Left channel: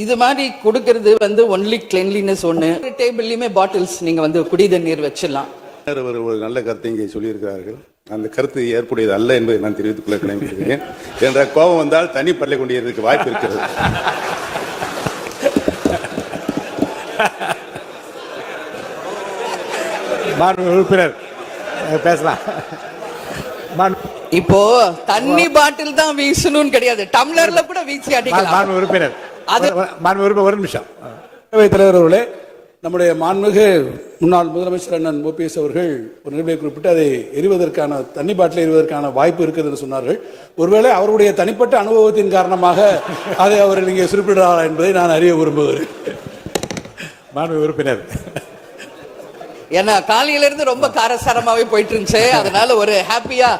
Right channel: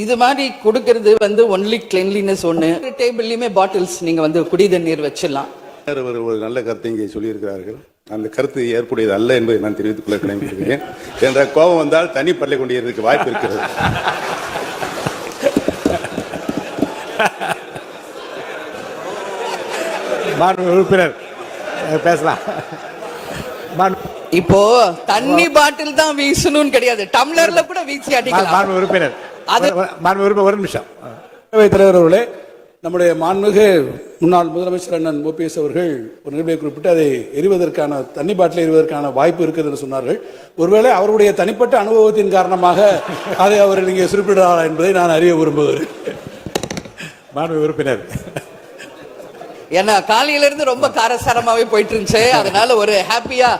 இது மாதிரி கொடுக்கறது வந்து ஒன்லி கிளீன்லினஸ் ஒன்று. டேபிள்லயுமே பாட்டில்ஸ் நீங்க வந்து குடி தண்ணீர் வச்சிடலாம். ஒரு நல்ல கருத்தை இங்கே சொல்லியிருக்கிறார்கள். அந்த கருத்து ஏற்புடையது அல்ல என்பதை நான் தெரிவித்துக் கொள்ள கிளம்பியிருக்கிறேன். என்ற கோபம் வந்தால் தண்ணி பரல கொண்டிருக்க வாய்ப்பு இருக்கிறது. உறுப்பினர் பேசலாம். இப்போ தண்ணி பாட்டில் தான் வீசணும்னு கிடையாது, டம்ளர்ல கூட வீசி அடிக்கலாம். உறுப்பினர் ஒரு நிமிஷம். தலைவர் அவர்களே, நம்முடைய மாண்புமிகு முன்னாள் முதலமைச்சர் அண்ணன் ஓபிஎஸ் அவர்கள் ஒரு நிலையை குறிப்பிட்டு அதை எரிவதற்கான தண்ணி பாட்டில் எரிவதற்கான வாய்ப்பு இருக்குது என்று சொன்னார்கள். ஒருவேளை அவருடைய தனிப்பட்ட அனுபவத்தின் காரணமாக அதை அவர் இங்கே குறிப்பிடுறாரா என்பதை நான் அறிய விரும்புகிறேன். மாண்புமிகு உறுப்பினர், ஏன்னா காலையில இருந்து ரொம்ப காரசாரமாவே போயிட்டு இருந்துச்சு. அதனால ஒரு ஹாப்பியா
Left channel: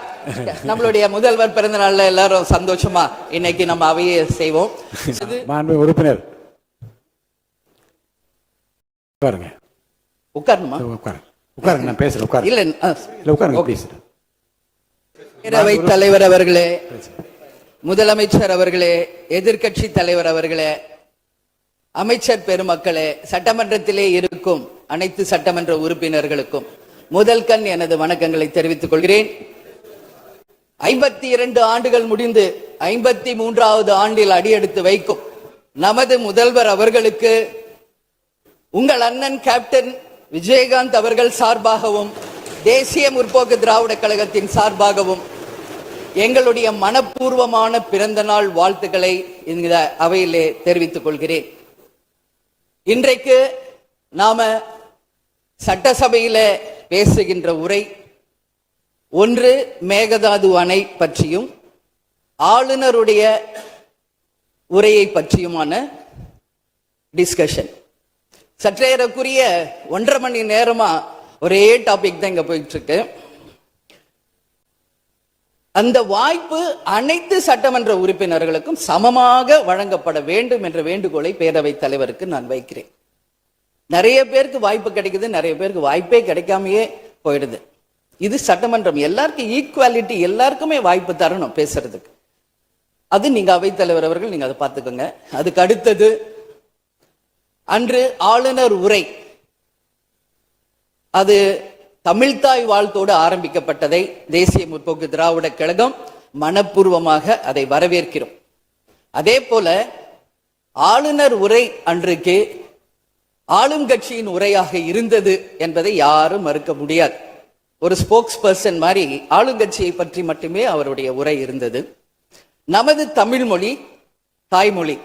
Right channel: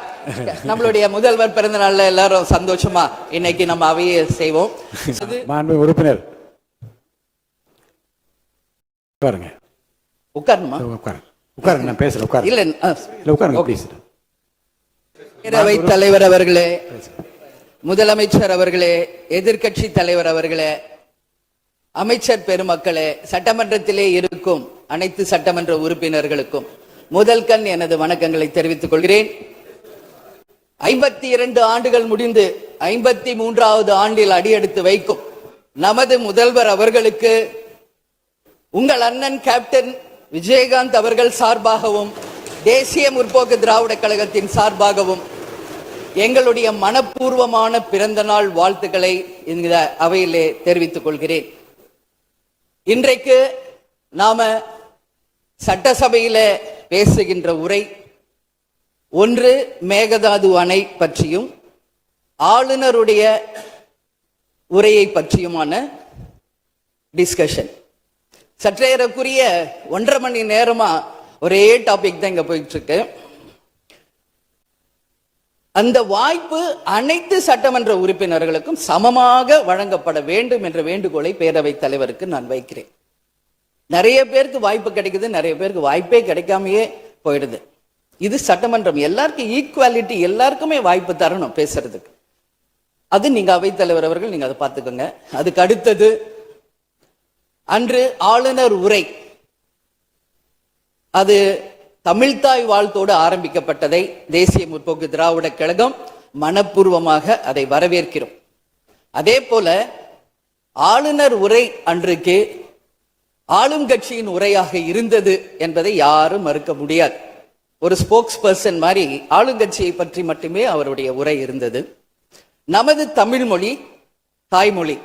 நம்மளுடைய முதல்வர் பிறந்த நாள்ல எல்லாரும் சந்தோஷமா இன்னைக்கு நம்ம அவையை செய்வோம். மாண்புமிகு உறுப்பினர் உட்காருங்க. உட்காருமா? உட்காருங்க, நான் பேசுறேன். உட்காரு. இல்ல உட்காருங்க, பேசுறேன். பேரவைத் தலைவர் அவர்களே, முதலமைச்சர் அவர்களே, எதிர்கட்சி தலைவர் அவர்களே, அமைச்சர் பெருமக்களே, சட்டமன்றத்திலே இருக்கும் அனைத்து சட்டமன்ற உறுப்பினர்களுக்கும் முதல் கண் எனது வணக்கங்களை தெரிவித்துக் கொள்கிறேன். 52 ஆண்டுகள் முடிந்து 53வது ஆண்டில் அடியெடுத்து வைக்கும் நமது முதல்வர் அவர்களுக்கு உங்கள் அண்ணன் கேப்டன் விஜயகாந்த் அவர்கள் சார்பாகவும் தேசிய முற்போக்கு திராவிட கழகத்தின் சார்பாகவும் எங்களுடைய மனப்பூர்வமான பிறந்த நாள் வாழ்த்துக்களை இந்த அவையிலே தெரிவித்துக் கொள்கிறேன். இன்றைக்கு நாம சட்டசபையில பேசுகின்ற உரை ஒன்று மேகதாது அணை பற்றியும் ஆளுநருடைய உரையை பற்றியுமான டிஸ்கஷன். சற்றேறக்குரிய 1.5 மணி நேரமா ஒரே டாபிக் தான் இங்க போயிட்டு இருக்கு. அந்த வாய்ப்பு அனைத்து சட்டமன்ற உறுப்பினர்களுக்கும் சமமாக வழங்கப்பட வேண்டும் என்ற வேண்டுகோளை பேரவைத் தலைவருக்கு நான் வைக்கிறேன். நிறைய பேருக்கு வாய்ப்பு கிடைக்குது, நிறைய பேருக்கு வாய்ப்பே கிடைக்காமையே போயிடுது. இது சட்டமன்றம், எல்லாருக்கும் ஈக்குவாலிட்டி, எல்லாருக்குமே வாய்ப்பு தரணும் பேசுறதுக்கு. அது நீங்க அவைத்தலைவர் அவர்கள் நீங்க அதை பார்த்துக்கோங்க. அதுக்கு அடுத்தது அன்று ஆளுநர் உரை, அது தமிழ்தாய் வாழ்த்தோடு ஆரம்பிக்கப்பட்டதை தேசிய முற்போக்கு திராவிட கழகம் மனப்பூர்வமாக அதை வரவேற்கிறோம். அதே போல ஆளுநர் உரை அன்றைக்கு ஆளும் கட்சியின் உரையாக இருந்தது என்பதை யாரும் மறுக்க முடியாது. ஒரு ஸ்போக்ஸ் பர்சன் மாதிரி ஆளுங்கட்சியை பற்றி மட்டுமே அவருடைய உரை இருந்தது. நமது தமிழ் மொழி தாய்மொழி,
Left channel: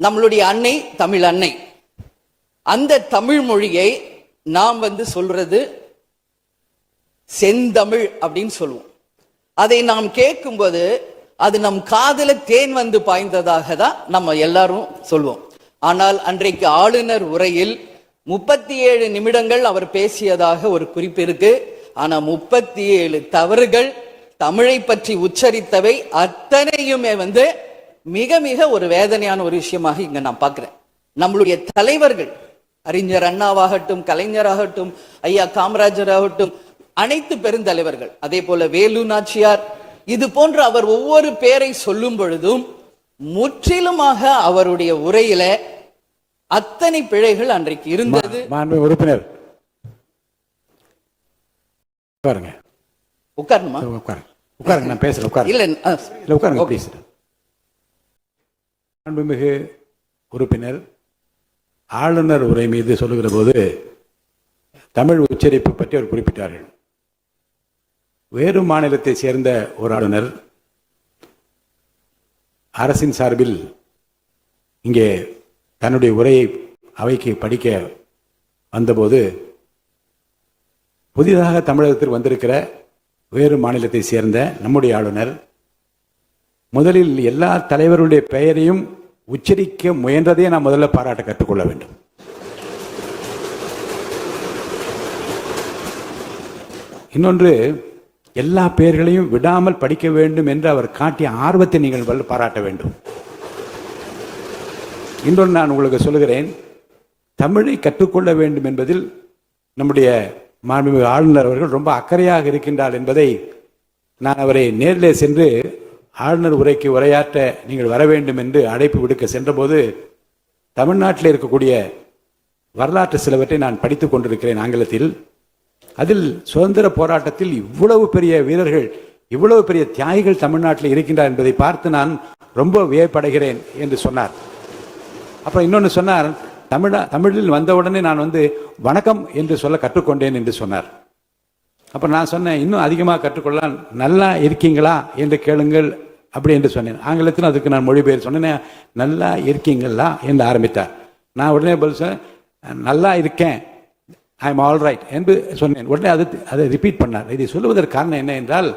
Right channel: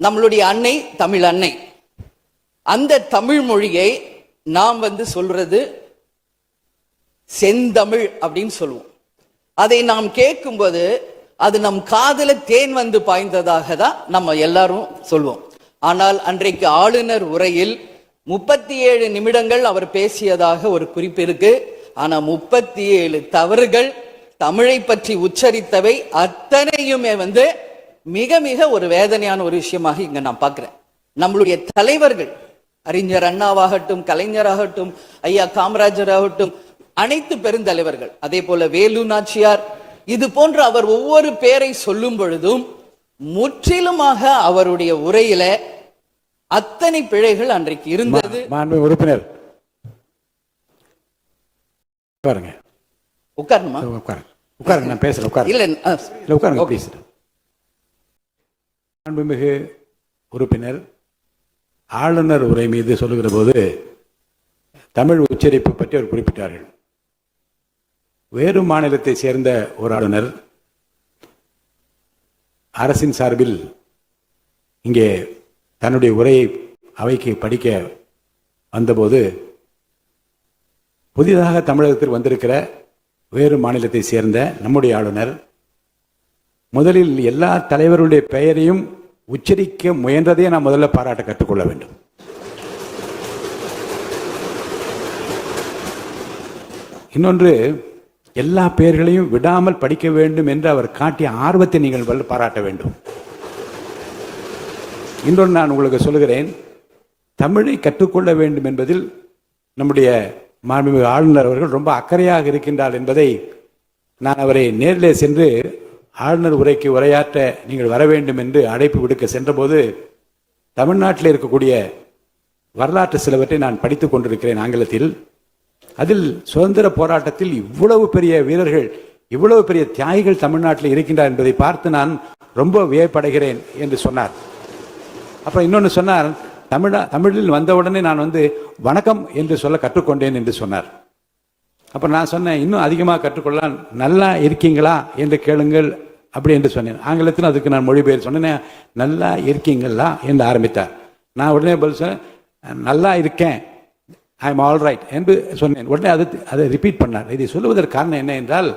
நம்மளுடைய அன்னை தமிழ் அன்னை. அந்த தமிழ் மொழியை நாம் சொல்றது செந்தமிழ் அப்படின்னு சொல்லுவோம். அதை நாம் கேட்கும்போது அது நம் காதல தேன் வந்து பாய்ந்ததாக தான் நம்ம எல்லாரும் சொல்வோம். ஆனால் அன்றைக்கு ஆளுநர் உரையில் 37 நிமிடங்கள் அவர் பேசியதாக ஒரு குறிப்பு இருக்கு. ஆனா 37 தவறுகள், தமிழை பற்றி உச்சரித்தவை அத்தனையுமே மிக மிக ஒரு வேதனையான ஒரு விஷயமாக இங்க நான் பார்க்கிறேன். நம்மளுடைய தலைவர்கள், அறிஞர் அண்ணாவாகட்டும், கலைஞராகட்டும், ஐயா காமராஜர் ஆகட்டும், அனைத்து பெருந்தலைவர்கள், அதே போல வேலு நாச்சியார், இது போன்ற அவர் ஒவ்வொரு பேரை சொல்லும் பொழுதும் முற்றிலுமாக அவருடைய உரையில அத்தனை பிழைகள் அன்றைக்கு இருந்தது. உறுப்பினர் உட்காருமா? உட்காருங்க, நான் பேசுறேன். இல்ல உட்காருங்க, பேசுறேன். மாண்புமிகு உறுப்பினர் ஆளுநர் உரை மீது சொல்லுகிற போது தமிழ் உச்சரிப்பு பற்றி அவர் குறிப்பிட்டார்கள். வேறு மாநிலத்தை சேர்ந்த ஒரு ஆளுநர் அரசின் சார்பில் இங்கே தன்னுடைய உரையை அவைக்கு படிக்க வந்தபோது புதிதாக தமிழகத்தில் வந்திருக்கிற வேறு மாநிலத்தை சேர்ந்த நம்முடைய ஆளுநர் முதலில் எல்லா தலைவருடைய பெயரையும் உச்சரிக்க முயன்றதை நாம் முதல்ல பாராட்ட கற்றுக்கொள்ள வேண்டும். இன்னொன்று, எல்லா பெயர்களையும் விடாமல் படிக்க வேண்டும் என்று அவர் காட்டிய ஆர்வத்தை நீங்கள் பாராட்ட வேண்டும். இன்னொன்று நான் உங்களுக்கு சொல்லுகிறேன், தமிழை கற்றுக்கொள்ள வேண்டும் என்பதில் நம்முடைய மாண்புமிகு ஆளுநர் அவர்கள் ரொம்ப அக்கறையாக இருக்கின்றார் என்பதை நான் அவரை நேரிலே சென்று ஆளுநர் உரைக்கு உரையாற்ற நீங்கள் வர வேண்டும் என்று அழைப்பு விடுக்க சென்றபோது தமிழ்நாட்டில் இருக்கக்கூடிய வரலாற்று சிலவற்றை நான் படித்துக் கொண்டிருக்கிறேன் ஆங்கிலத்தில். அதில் சுதந்திர போராட்டத்தில் இவ்வளவு பெரிய வீரர்கள், இவ்வளவு பெரிய தியாகிகள் தமிழ்நாட்டில் இருக்கின்றார் என்பதை பார்த்து நான் ரொம்ப வியப்படைகிறேன் என்று சொன்னார். அப்புறம் இன்னொன்று சொன்னார், தமிழில் வந்தவுடனே நான் வணக்கம் என்று சொல்ல கற்றுக்கொண்டேன் என்று சொன்னார். அப்புறம் நான் சொன்னேன், இன்னும் அதிகமாக கற்றுக்கொள்ளலாம், நல்லா இருக்கீங்களா என்று கேளுங்கள் அப்படி என்று சொன்னேன். ஆங்கிலத்தில் அதுக்கு நான் மொழிபெயர் சொன்னேன், நல்லா இருக்கீங்களா என்று ஆரம்பித்தார். நான் உடனே பதில் சொன்னேன், நல்லா இருக்கேன், ஐ எம் ஆல் ரைட் என்று சொன்னேன். உடனே அதை ரிப்பீட் பண்ணார். இதை சொல்லுவதற்கு காரணம் என்ன என்றால்,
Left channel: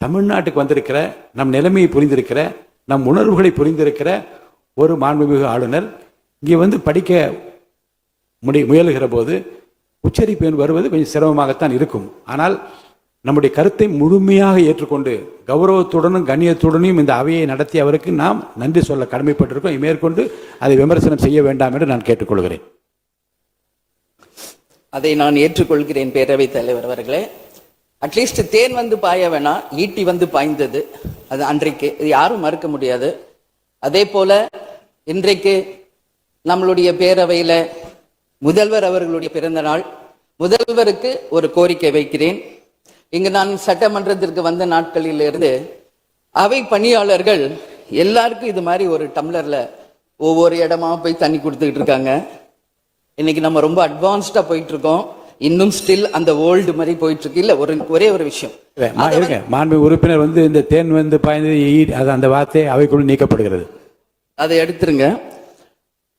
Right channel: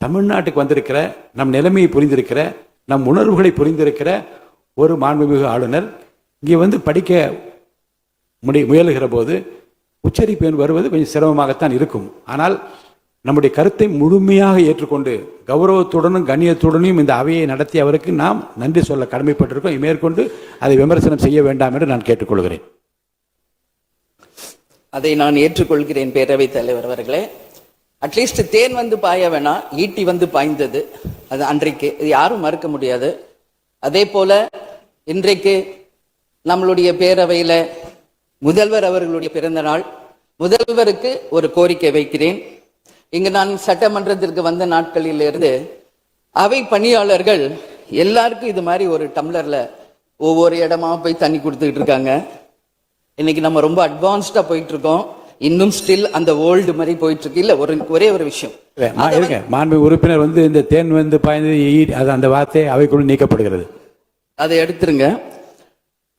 தமிழ்நாட்டுக்கு வந்திருக்கிற, நம் நிலைமையை புரிந்திருக்கிற, நம் உணர்வுகளை புரிந்திருக்கிற ஒரு மாண்புமிகு ஆளுநர் இங்கே படிக்க முயலுகிற போது உச்சரிப்பு வருவது கொஞ்சம் சிரமமாகத்தான் இருக்கும். ஆனால் நம்முடைய கருத்தை முழுமையாக ஏற்றுக்கொண்டு கௌரவத்துடனும் கண்ணியத்துடனும் இந்த அவையை நடத்தி அவருக்கு நாம் நன்றி சொல்ல கடமைப்பட்டிருக்கோம். மேற்கொண்டு அதை விமர்சனம் செய்ய வேண்டாம் என்று நான் கேட்டுக்கொள்கிறேன். அதை நான் ஏற்றுக்கொள்கிறேன் பேரவைத் தலைவர் அவர்களே. அட்லீஸ்ட் தேன் பாய வேணா, ஈட்டி பாய்ந்தது அது அன்றைக்கு, இது யாரும் மறுக்க முடியாது. அதே போல இன்றைக்கு நம்மளுடைய பேரவையில முதல்வர் அவர்களுடைய பிறந்த நாள். முதல்வருக்கு ஒரு கோரிக்கை வைக்கிறேன். இங்கு நான் சட்டமன்றத்திற்கு வந்த நாட்களில் இருந்து அவை பணியாளர்கள் எல்லாருக்கும் இது மாதிரி ஒரு டம்ளர்ல ஒவ்வொரு இடமா போய் தண்ணி கொடுத்துக்கிட்டு இருக்காங்க. இன்னைக்கு நம்ம ரொம்ப அட்வான்ஸ்டா போயிட்டு இருக்கோம். இன்னும் ஸ்டில் அந்த ஓல்டு மாதிரி போயிட்டு இருக்கு. இல்ல ஒரே ஒரு விஷயம், மாண்பு உறுப்பினர் இந்த தேன் பாய்ந்தது அந்த வார்த்தை அவைக்குள் நீக்கப்படுகிறது. அதை எடுத்துருங்க.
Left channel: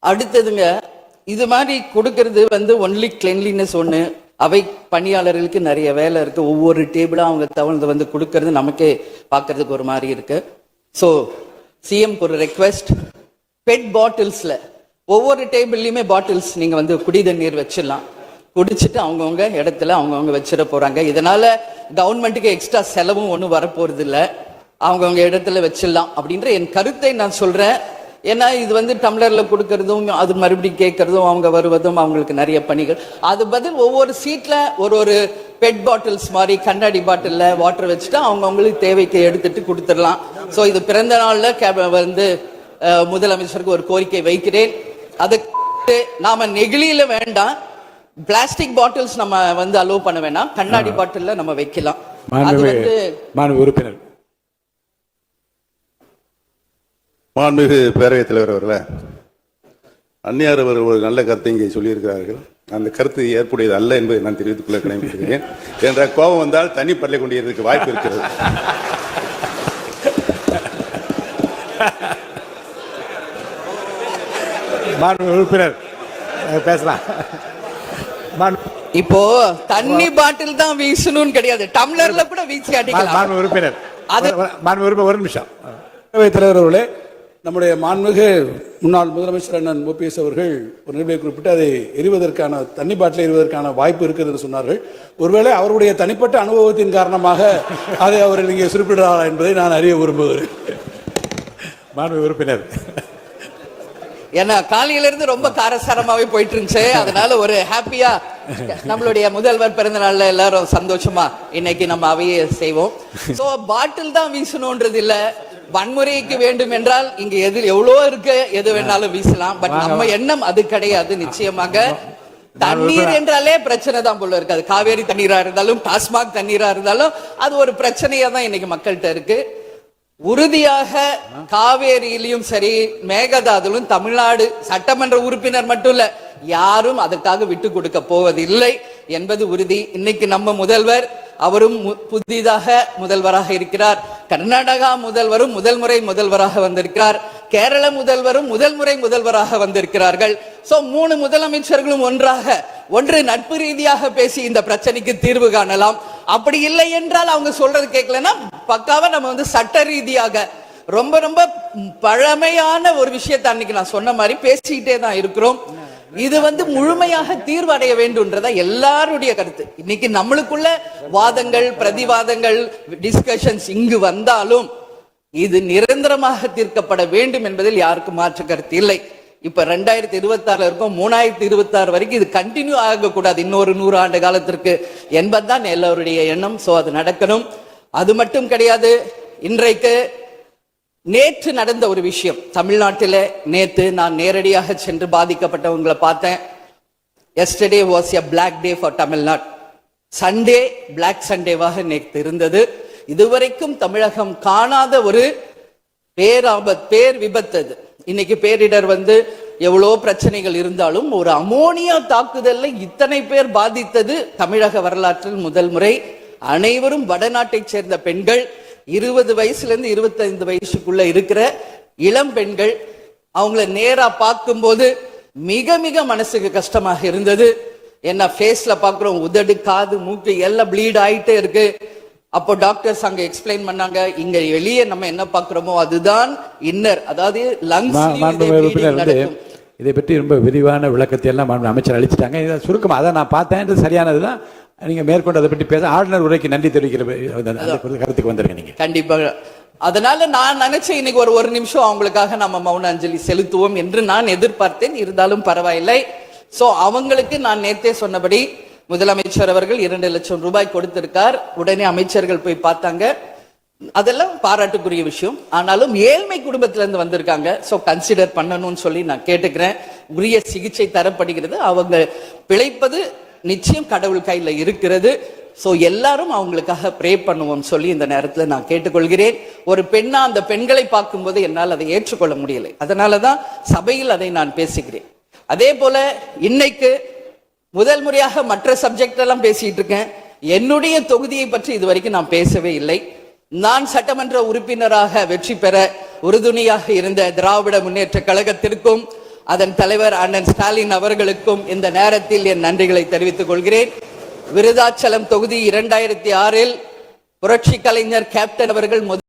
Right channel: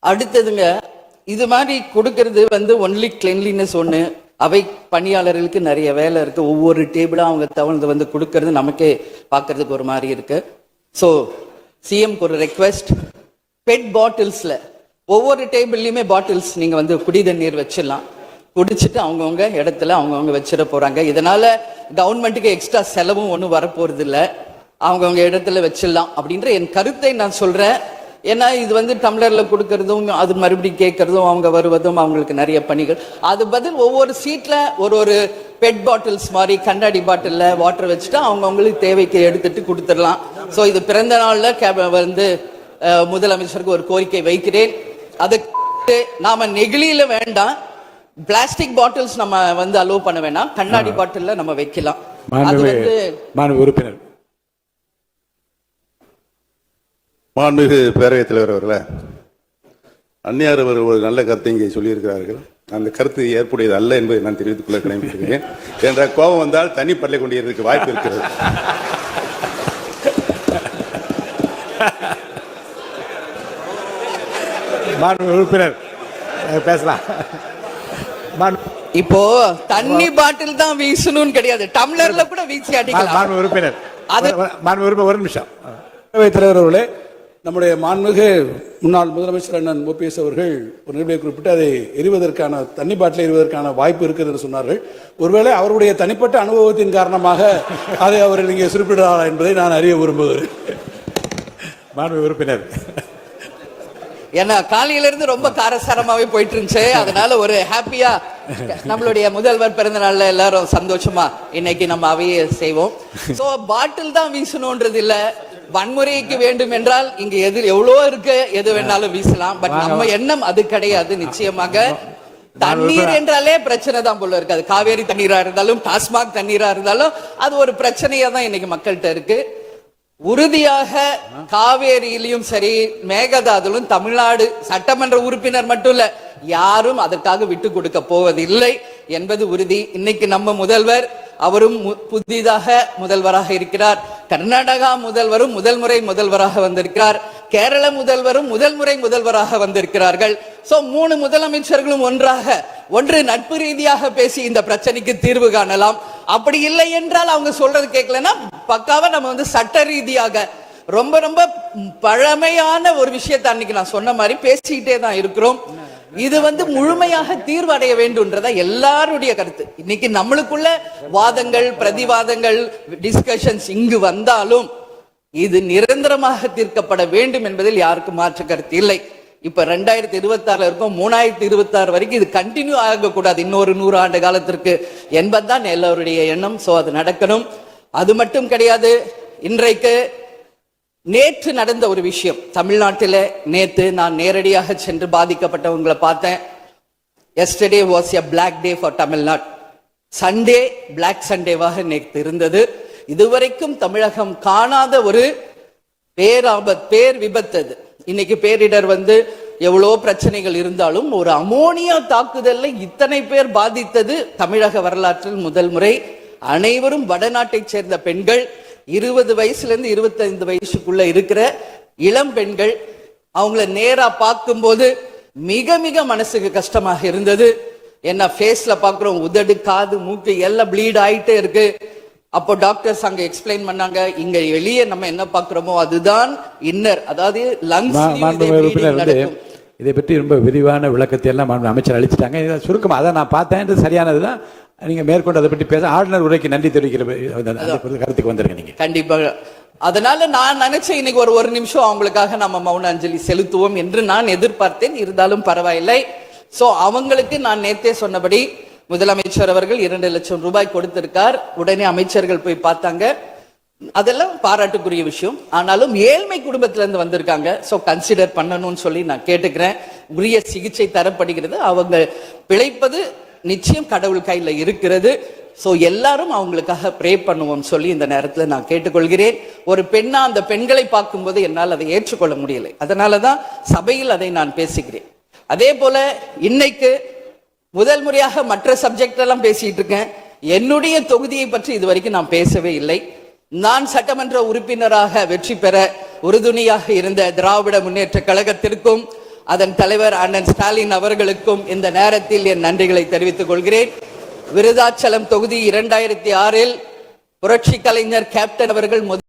அடுத்ததுங்க, இது மாதிரி கொடுக்கறது ஒன்லி கிளீன்லினஸ் ஒண்ணு. அவை பணியாளர்களுக்கு நிறைய வேலை இருக்கு. ஒவ்வொரு டேபிளா அவங்க தவழ்ந்து கொடுக்கறது நமக்கே பார்க்கறதுக்கு ஒரு மாதிரி இருக்கு. ஸோ சிஎம்க்கு ஒரு ரெக்வெஸ்ட், பெட் பாட்டில்ஸ்ல ஒவ்வொரு டேபிள்லயுமே பாட்டில்ஸ் நீங்க குடி தண்ணீர் வச்சிடலாம். குடிச்சிட்டு அவங்கவுங்க இடத்துல அவங்கவுங்க வச்சிட போறாங்க. இதனால கவர்மெண்ட்டுக்கு எக்ஸ்ட்ரா செலவும் ஒன்றும் வரப்போறது இல்லை. அவங்கவுங்க இடத்துல வச்சிடலாம் அப்படின்ற என் கருத்தை நான் சொல்றேன். ஏன்னா இது டம்ளர்ல கொடுக்கறதும் அது மறுபடியும் கேட்கறதும் அவங்க வருவதும் அவங்களுக்கு நிறைய பணிகள். அது பதில் ஒவ்வொரு சீட்ல ஒரு பெட் பாட்டில்ஸ் மாதிரி கண்ணாடி பாட்டில்ல வாட்டர் வச்சுட்டு அவங்களுக்கு தேவைக்கு எடுத்துட்டு கொடுத்துடலாம். ஸோ இது பிறந்த நாள்ல முதலமைச்சருக்கு ஒரு கோரிக்கை வைக்கிறேன். அதுக்கு நாம நெகிழியில வேண்டாம், பிளாஸ்டிக் பாட்டில்ஸ் நம்ம அலோவ் பண்ண வேண்டாம், கண்ணாடி பாட்டில்ல நம்ம வைக்கலாம். உறுப்பினர் மாண்புமிகு பேரவைத் தலைவர் அவர்களே, அந்நியார் அவர்கள் ஒரு நல்ல கருத்தை இங்கே சொல்லியிருக்கிறார்கள். அந்த கருத்து ஏற்புடையது அல்ல என்பதை நான் தெரிவித்துக் கொள்ள கடமைப்படுகிறேன். என்ற கோபம் வந்தால் தண்ணி பள்ளி கொண்டிருக்க வாய்ப்பு இருக்கிறது. உறுப்பினர் பேசலாம். இப்போ தண்ணி பாட்டில் தான் வீசணும் கிடையாது, டம்ளர்ல கூட வீசி அடிக்கலாம். உறுப்பினர் ஒரு நிமிஷம். தலைவர் அவர்களே, நம்முடைய மாண்புமிகு முன்னாள் முதலமைச்சர் அண்ணன் ஓபிஎஸ் அவர்கள் ஒரு நிலையை குறிப்பிட்டு அதை எரிவதற்கான தண்ணி பாட்டில் எரிவதற்கான வாய்ப்பு இருக்கிறது என்று சொன்னார்கள். ஒருவேளை அவருடைய தனிப்பட்ட அனுபவத்தின் காரணமாக அதை அவர்கள் இங்கே குறிப்பிடுகிறாரா என்பதை நான் அறிய விரும்புகிறேன். மாண்புமிகு உறுப்பினர், ஏன்னா காலையில இருந்து ரொம்ப காரசாரமாவே போயிட்டு இருந்துச்சு. அதனால ஒரு ஹாப்பியா நம்மளுடைய முதல்வர் பிறந்த நாள்ல எல்லாரும் சந்தோஷமா இன்னைக்கு நம்ம அவையை செய்வோம். சோ பாட்டில் தான் வீசணும்ன்றது இல்ல, வன்முறைக்கு வேண்டும் என்றால் இங்க எவ்வளவோ இருக்கு, எது வேணாலும் வீசலாம். பட் நம்ம எண்ணம் அது கிடையாது. நிச்சயமாக தண்ணீர் என்றாலே பிரச்சனை தான் போல இருக்கு. அது காவேரி தண்ணீரா இருந்தாலும் டாஸ்மாக் தண்ணீரா இருந்தாலும் அது ஒரு பிரச்சனையா தான் இன்னைக்கு மக்கள்கிட்ட இருக்கு. உறுதியாக காவேரியிலும் சரி மேகதாதுலும் தமிழ்நாடு சட்டமன்ற உறுப்பினர் மட்டும் இல்ல, யாரும் அதற்காக விட்டு கொடுக்க போவதில்லை என்பது உறுதி. இன்னைக்கு நம்ம முதல்வர் அவரும் புதிதாக முதல்வராக இருக்கிறார். கர்நாடகா முதல்வரும் முதல் முறை முதல்வராக வந்திருக்கிறார். கேரள முதல்வரும் முதல் முறை முதல்வராக வந்திருக்கிறார்கள். சோ 3 முதலமைச்சர்களும் ஒன்று நட்பு ரீதியாக பேசி இந்த பிரச்சனைக்கு தீர்வு காணலாம். அப்படி இல்லை என்றால் அவங்க சொல்றது கேட்கலன்னா பக்காவா நம்ம சட்ட ரீதியாக ரொம்ப ரொம்ப பழமையான ஒரு விஷயத்தை அன்னைக்கு நான் சொன்ன மாதிரி பேசிக்கிட்டே தான் இருக்கிறோம். இது முழுமையாக தீர்வு அடைய வேண்டும்ன்றதா எல்லாருடைய கருத்து. இன்னைக்கு நம்மளுக்குள்ள வாதங்கள் பிரதிவாதங்கள் டிஸ்கஷன்ஸ் இங்கு வந்தாலும் இது நிரந்தரமாக தீர்க்கப்பட வேண்டும் என்பதில் யாருக்கும் மாற்று கருத்து இல்லை. இப்ப 2026 இருக்கும், 3026 வரைக்கும் இது கண்டினியூ ஆகக்கூடாது, இன்னொரு 100 ஆண்டு காலத்திற்கு என்பதுதான் எல்லாருடைய எண்ணம். சோ அது நடக்கணும். அது மட்டும் கிடையாது, இன்றைக்கு நேற்று நடந்த ஒரு விஷயம் தமிழ்நாட்டில நேற்று நான் நேரடியாக சென்று பாதிக்கப்பட்டவங்களை பார்த்தேன். Yesterday was a black day for Tamil Nadu. Sunday black சண்டேவாக நேற்று இருந்தது. இதுவரைக்கும் தமிழகம் காணாத ஒரு பேர் விபத்து அது. இன்னைக்கு பேரிடர் எவ்வளோ பிரச்சனைகள் இருந்தாலும் ஒரு அமோனியா தாக்குதல்ல இத்தனை பேர் பாதித்தது தமிழக வரலாற்றில் முதல் முறை. அனைவரும் வடநாட்டை சேர்ந்த பெண்கள், 20 வயசுல இருந்து 25 வயசுக்குள்ள இருக்கிற இளம் பெண்கள். அவங்கள நேரா பார்க்கும்போது மிக மிக மனசுக்கு கஷ்டமாக இருந்தது. என்ன ஃபேஸ்ல பாக்குறோம், உதடு, காது, மூக்கு எல்லாம் ப்ளீட் ஆயிட்டே இருக்கு. அப்போ டாக்டர்ஸ் அங்க எக்ஸ்பிளைன் பண்ணாங்க, இங்க வெளியே நம்ம என்ன பாக்குறோமோ அதுதான் இன்னர், அதாவது லங்ஸ். இதை பற்றி ரொம்ப விரிவான விளக்கத்தை எல்லாம் அமைச்சர் அளிச்சுட்டாங்க. இதை சுருக்கமா அதை நான் பார்த்தேன், சரியானதுதான். நீங்க மேற்கொண்டு அதை பற்றி பேச ஆளுநர் உரைக்கு நன்றி தெரிவிக்கிற கருத்துக்கு வந்துருங்க நீங்க. கண்டிப்பாக. அதனால நான் நினைச்சேன் இன்னைக்கு ஒரு நிமிஷம் அவங்களுக்காக நம்ம மௌன அஞ்சலி செலுத்துவோம் என்று நான் எதிர்பார்த்தேன். இருந்தாலும் பரவாயில்லை. சோ அவங்களுக்கு நான் நேத்தே சொன்னபடி முதலமைச்சர் அவர்கள் 2 லட்சம் ரூபாய் கொடுத்திருக்கார். உடனே அமைச்சர்கள் போய் பார்த்தாங்க. அதெல்லாம் பாராட்டுக்குரிய விஷயம். ஆனாலும் ஏழ்மை குடும்பத்துல இருந்து வந்திருக்காங்க. சோ கன்சிடர் பண்ணணும்னு சொல்லி நான் கேட்டுக்கிறேன். உரிய சிகிச்சை தரப்படுகிறது. அவங்க பிழைப்பது நிச்சயம் கடவுள் கையில இருக்கிறது. சோ எல்லாரும் அவங்களுக்காக ப்ரே பண்ணுவோம் சொல்லி இந்த நேரத்துல நான் கேட்டுக்கொள்கிறேன். ஒரு பெண்ணா அந்த பெண்களை பார்க்கும்போது என்னால் அதை ஏற்றுக்கொள்ள முடியலை. அதனாலதான் சபையில் அதை நான் பேசுகிறேன். அதே போல இன்னைக்கு முதல் முறையாக மற்ற சப்ஜெக்ட் எல்லாம் பேசிட்டு இருக்கேன். என்னுடைய தொகுதியை பற்றி இதுவரைக்கும் நான் பேசவே இல்லை. நான் சட்டமன்ற உறுப்பினராக வெற்றி பெற உறுதுணையாக இருந்த திராவிட முன்னேற்ற கழகத்திற்கும் அதன் தலைவர் அண்ணன் ஸ்டாலின் அவர்களுக்கும் இந்த நேரத்தில் என் நன்றிகளை தெரிவித்துக் கொள்கிறேன். விருதாச்சலம் தொகுதி 2006 புரட்சி கலைஞர் கேப்டன் அவர்கள்